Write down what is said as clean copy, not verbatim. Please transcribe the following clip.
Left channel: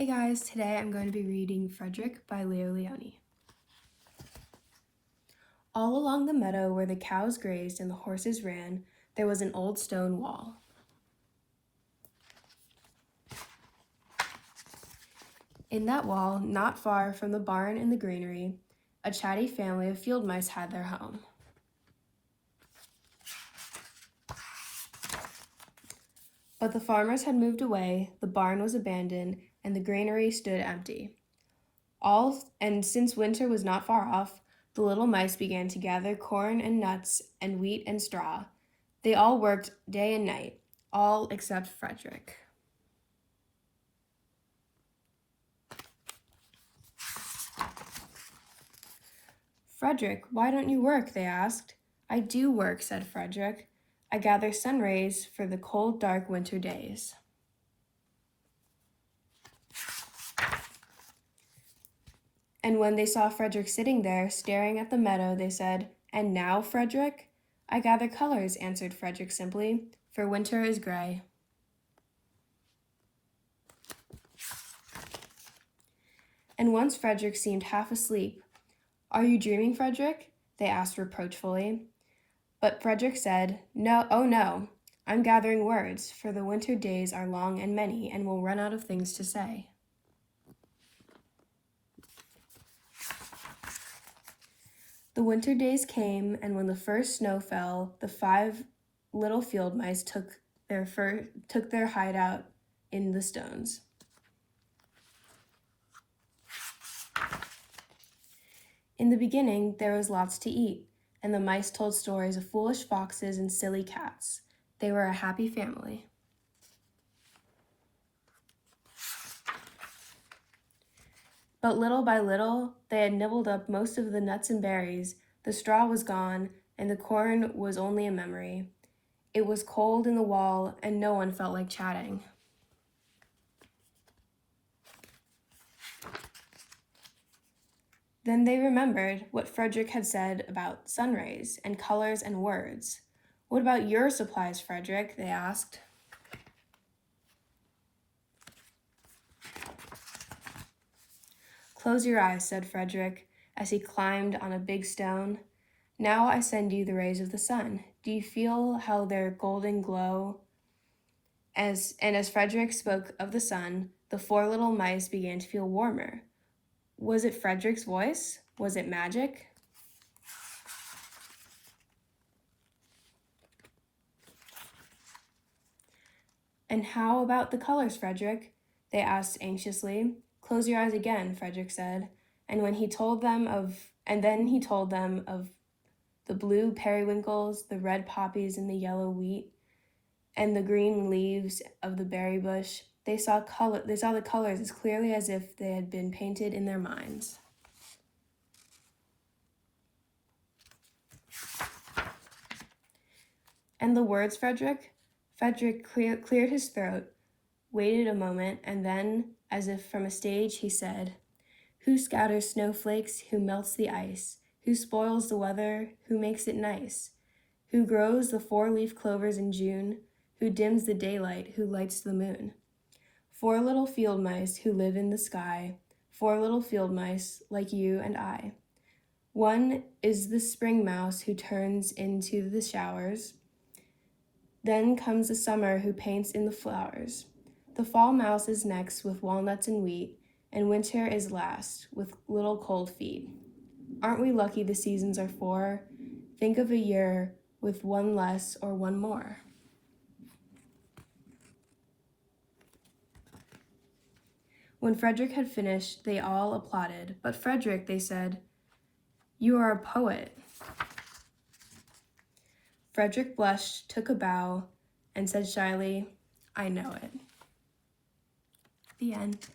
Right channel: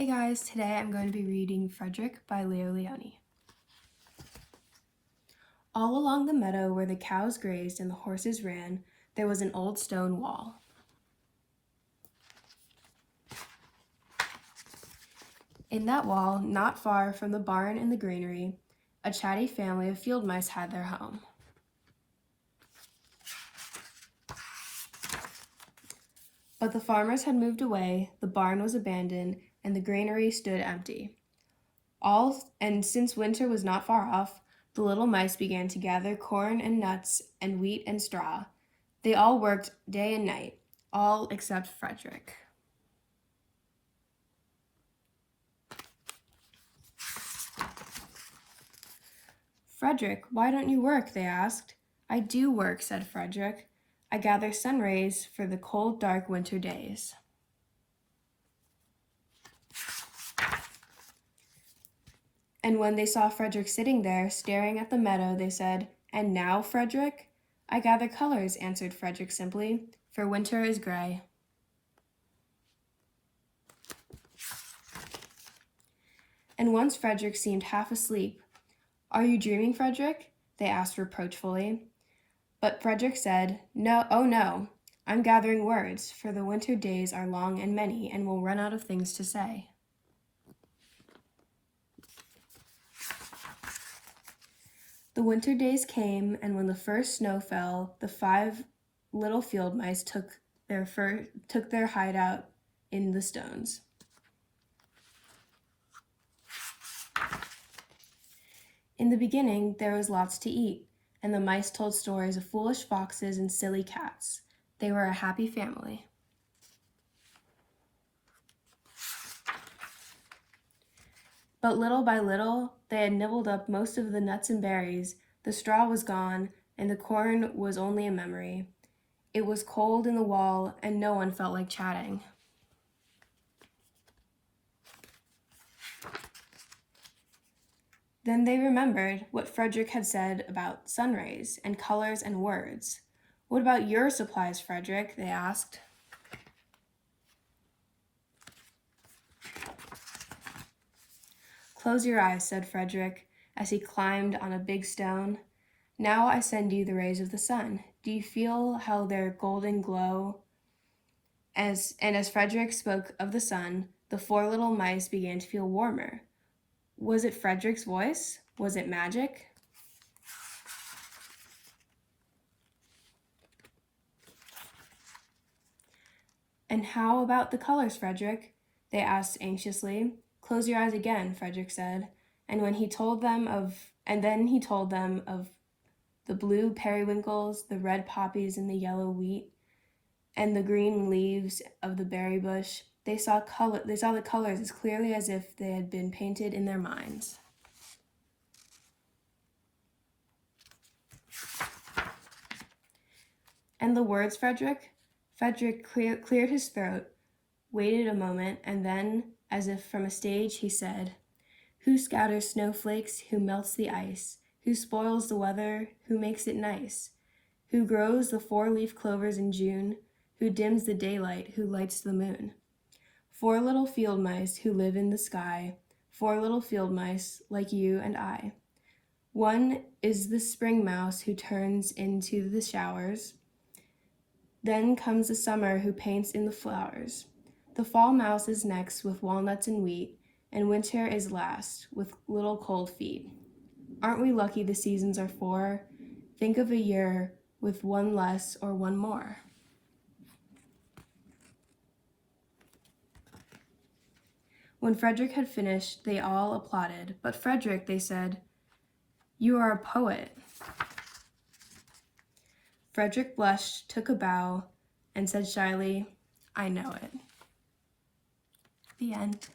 Hey guys, today I'm going to be reading Frederick by Leo Lionni. All along the meadow where the cows grazed and the horses ran, there was an old stone wall. In that wall, not far from the barn and the granary, a chatty family of field mice had their home. But the farmers had moved away, the barn was abandoned, and the granary stood empty. And since winter was not far off, the little mice began to gather corn and nuts and wheat and straw. They all worked day and night, all except Frederick. "Frederick, why don't you work?" they asked. "I do work," said Frederick. "I gather sun rays for the cold, dark winter days." And when they saw Frederick sitting there, staring at the meadow, they said, "And now, Frederick?" "I gather colors," answered Frederick simply, "for winter is gray." And once Frederick seemed half asleep. "Are you dreaming, Frederick?" they asked reproachfully. But Frederick said, "No, oh no, I'm gathering words, for the winter days are long and many, and we'll run out of things to say." The winter days came, and when the first snow fell, the 5 little field mice took their hideout in the stones. In the beginning, there was lots to eat, and the mice told stories of foolish foxes and silly cats. They were a happy family. But little by little, they had nibbled up most of the nuts and berries, the straw was gone, and the corn was only a memory. It was cold in the wall, and no one felt like chatting. Then they remembered what Frederick had said about sun rays and colors and words. "What about your supplies, Frederick?" they asked. "Close your eyes," said Frederick, as he climbed on a big stone. "Now I send you the rays of the sun. Do you feel how their golden glow?" As Frederick spoke of the sun, the 4 little mice began to feel warmer. Was it Frederick's voice? Was it magic? "And how about the colors, Frederick?" they asked anxiously. "Close your eyes again," Frederick said, and then he told them of the blue periwinkles, the red poppies and the yellow wheat, and the green leaves of the berry bush. They saw the colors as clearly as if they had been painted in their minds. "And the words, Frederick?" Frederick cleared his throat, waited a moment, and then, as if from a stage, he said, "Who scatters snowflakes? Who melts the ice? Who spoils the weather? Who makes it nice? Who grows the 4-leaf clovers in June? Who dims the daylight? Who lights the moon? 4 little field mice who live in the sky, 4 little field mice like you and I. One is the spring mouse who turns into the showers. Then comes the summer who paints in the flowers. The fall mouse is next with walnuts and wheat, and winter is last with little cold feet. Aren't we lucky the seasons are 4? Think of a year with 1 less or 1 more." When Frederick had finished, they all applauded. "But Frederick," they said, "you are a poet." Frederick blushed, took a bow, and said shyly, "I know it." The end.